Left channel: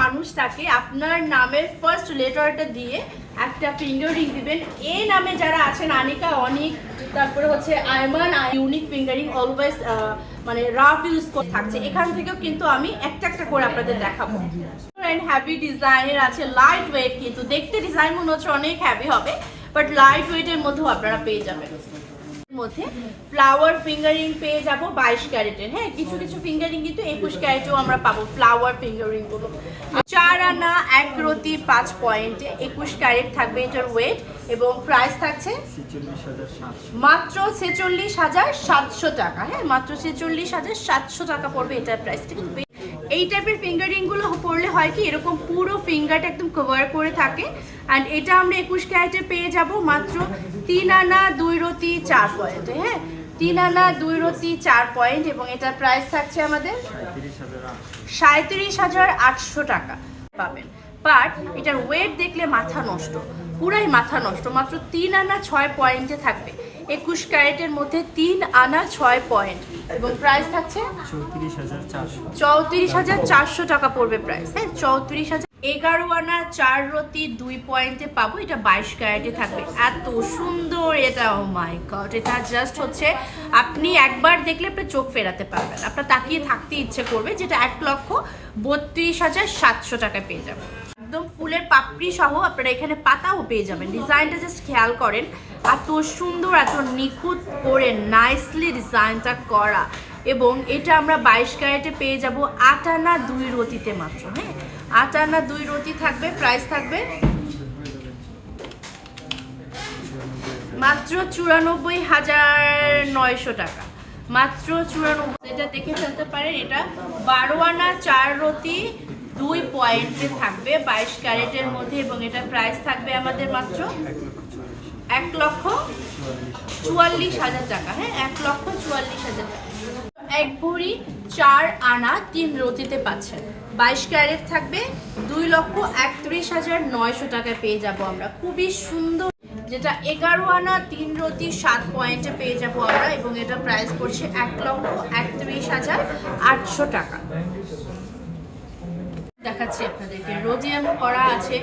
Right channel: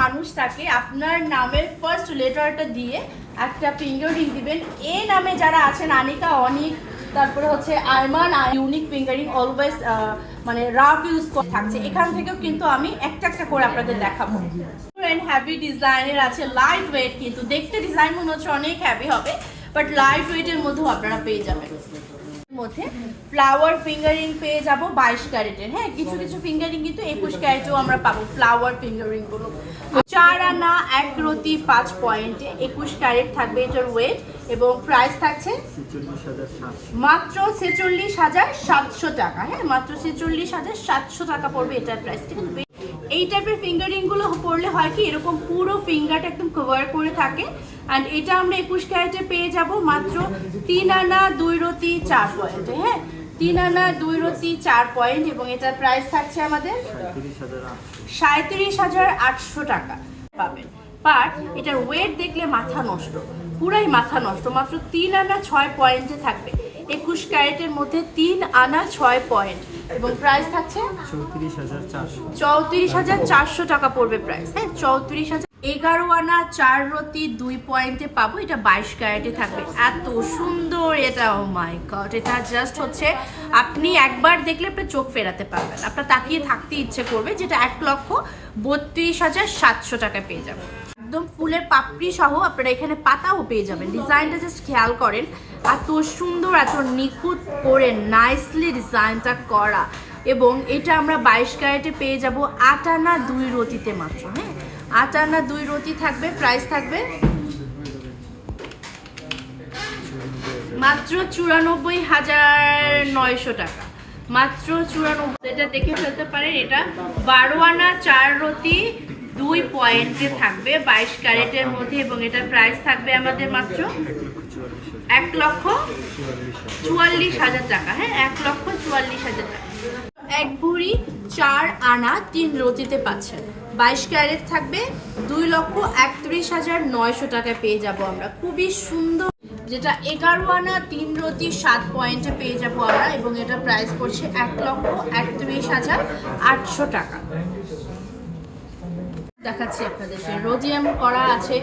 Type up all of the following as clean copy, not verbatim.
মানুষ থাকে আপনার নামের ফার্স্ট লেটারটা দিয়ে একটা ফিঙ্গার রিং দিবেন। এ নামে যারা আছেন আনিকা, অনিক, তারপরে হচ্ছে আয়মান, ইউনিক ফিঙ্গারিং অলওয়েজ মানে রাফ ইউজ থাকছে। এখান থেকেও কিন্তু আমি একটা একটা করে আপনাদের দেখাবো। হ্যাভি ডিজাইনের আছে, লাইট ওয়েট, কিন্তু দেখতে ডিজাইন মনে হচ্ছে অনেক হ্যাভি হবে, বাট লাইট ওয়েটের মধ্যেও আপনারা পেয়ে যাবেন। মধ্যে ফ্লাওয়ার ফিঙ্গারিং পেয়ে যাব 22 ক্যারেটের। হ্যাঁ, কিছু কিছু ফিঙ্গারিং কিন্তু 21 ক্যারেটেও আমরা পাবো ফ্লাওয়ার ফিঙ্গারিং গুলো। 4 আনা 1 রতি 5 পয়েন্টে 21 ক্যারেট থাকবে এটার ওয়েট, এবং প্রাইস থাকছে মাত্র 46,700 টাকা। হ্যাঁ, মাত্র 46,700 টাকা পড়বে এটার প্রাইস। ঠিক আছে, এই টাইপের ফিঙ্গারিং গুলো পরলে হয় কি এরকম পুরো ফিঙ্গারটা একদম কভার করে থাকে। অ্যান্ড এটা আমরা 21 ক্যারেটে পেয়ে যাব মাত্র 3 আনা 2 রতি 4 পয়েন্টে। হ্যাঁ, 3 আনা 2 রতি 4 পয়েন্ট, এবং এটার প্রাইস থাকছে আমাদের 37,800 টাকা পাবেন। বাট এটার ওয়েট দেখলে মাথা নষ্ট, পুরাই মাথা নষ্ট। মাত্র 3 আনা 6 পয়েন্টে থাকবে 21 ক্যারেটের মধ্যে 3 আনা 6 পয়েন্ট, এবং প্রাইস থাকছে 34,400 টাকা পড়বে প্রাইস। হ্যাঁ, 34,000। 11 আনা 4 রতি 2 পয়েন্টে পাবো, এটা 22 ক্যারেটে থাকবে। এত সুন্দর এটা, ও মাই গড, এটা জাস্ট হচ্ছে আপনি একবার দেখলে আপনি চোখ ফেরাতে পারবেন, আপনার তাকিয়ে থাকতে ইচ্ছে করবে। যেটা 1,32,700 টাকায় পেয়ে যাবো। একদম ফুলের পাপড়ি সহ আপনারা এখানে পাতাও পেয়ে যাবেন। ডিজাইনটা জাস্ট খেয়াল করেন, এত সুন্দর, এত নিখুঁত করে নাইসলি ডিজাইনটা করা। এবং এটা আমরা 22 ক্যারেটে পেয়ে যাব 8 আনা 2 রতিতে মাত্র। হ্যাঁ, 8 আনা 2 রতি থাকবে, প্রাইস থাকবে মাত্র 94,900 টাকা। মাত্র 94। এটা দেখে ফেলতে পারেন, এটা 12 আনা 4 রতি 2 পয়েন্টে থাকবে 22 ক্যারেটের মধ্যে, এবং এটার প্রাইস থাকবে আমাদের মাত্র 1,44,000 টাকা। হ্যাঁ, 1,44,000 টাকা। 1 ভরি 4 আনা 3 রতিতে পাচ্ছেন, 22 ক্যারেট থাকবে 2,31,900 টাকায় পেয়ে যাব আমরা। খুবই সুন্দর, যেটা 11 আনা 3 রতি 7 পয়েন্টে পেয়ে যাব আমরা, এবং এটা প্রাইস পড়ছে 1,31,800 টাকা। দেখাচ্ছি আপনাদেরকে, রোডিয়াম করা আছে,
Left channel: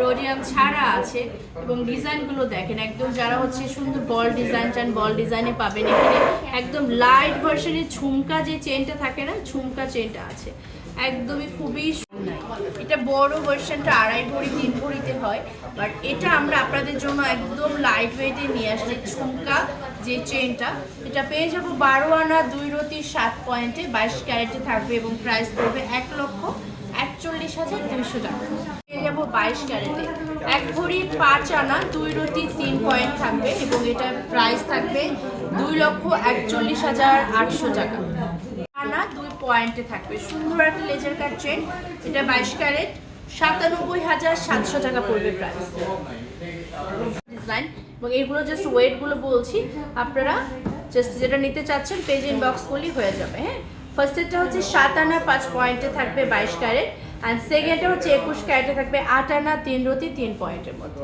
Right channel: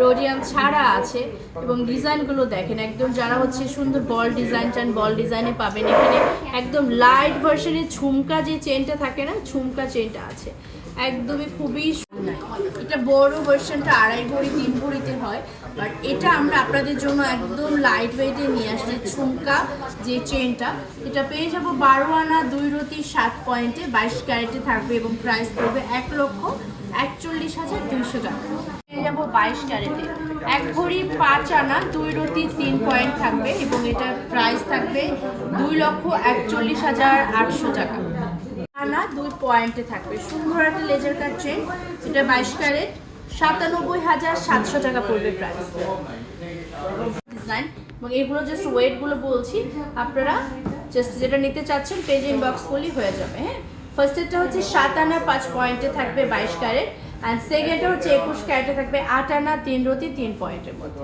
রোডিয়াম ছাড়া আছে, এবং ডিজাইনগুলো দেখেন একদম। যারা হচ্ছে সুন্দর বল ডিজাইন চান, বল ডিজাইনে পাবেন। এখানে একদম লাইট ভার্সনের ঝুমকা যে চেনটা থাকে না, ঝুমকা চেনটা আছে একদমই, খুবই সুন্দর। এটা বড় ভার্সনটা 2.5 ভরি 3 ভরিতে হয়, বাট এটা আমরা আপনাদের জন্য একদম লাইট ওয়েটে নিয়ে আসছি। ঝুমকা যে চেনটা, এটা পেয়ে যাব 12 আনা 2 রতি 7 পয়েন্টে 22 ক্যারেটে থাকবে, এবং প্রাইস পড়বে 1,41,200 টাকা। পেয়ে যাবো 22 ক্যারেটে 1 ভরি 5 আনা 2 রতি 3 পয়েন্ট থাকবে, এবং এটার প্রাইস থাকবে 2,41,800 টাকা। আনা 2 পয়েন্টে থাকবে, সুন্দর একটা লেজার কাট চেন। এটা 22 ক্যারেট 97,700 টাকা পড়বে প্রাইস। ডিজাইন এবং এগুলো জাস্ট ওয়েটগুলো বলছি, আপনারা জাস্ট যেটা নিতে চাচ্ছেন পেজ ইনবক্স করলেই হয়ে যাবে। হ্যাঁ, ফার্স্টেরটা হচ্ছে 7 আনা 5 পয়েন্টে থাকবে 22 ক্যারেট, অ্যান্ড সেকেন্ডটা হচ্ছে 21 ক্যারেটে থাকবে 8 আনা 3 রতি 3 পয়েন্টের মধ্যে।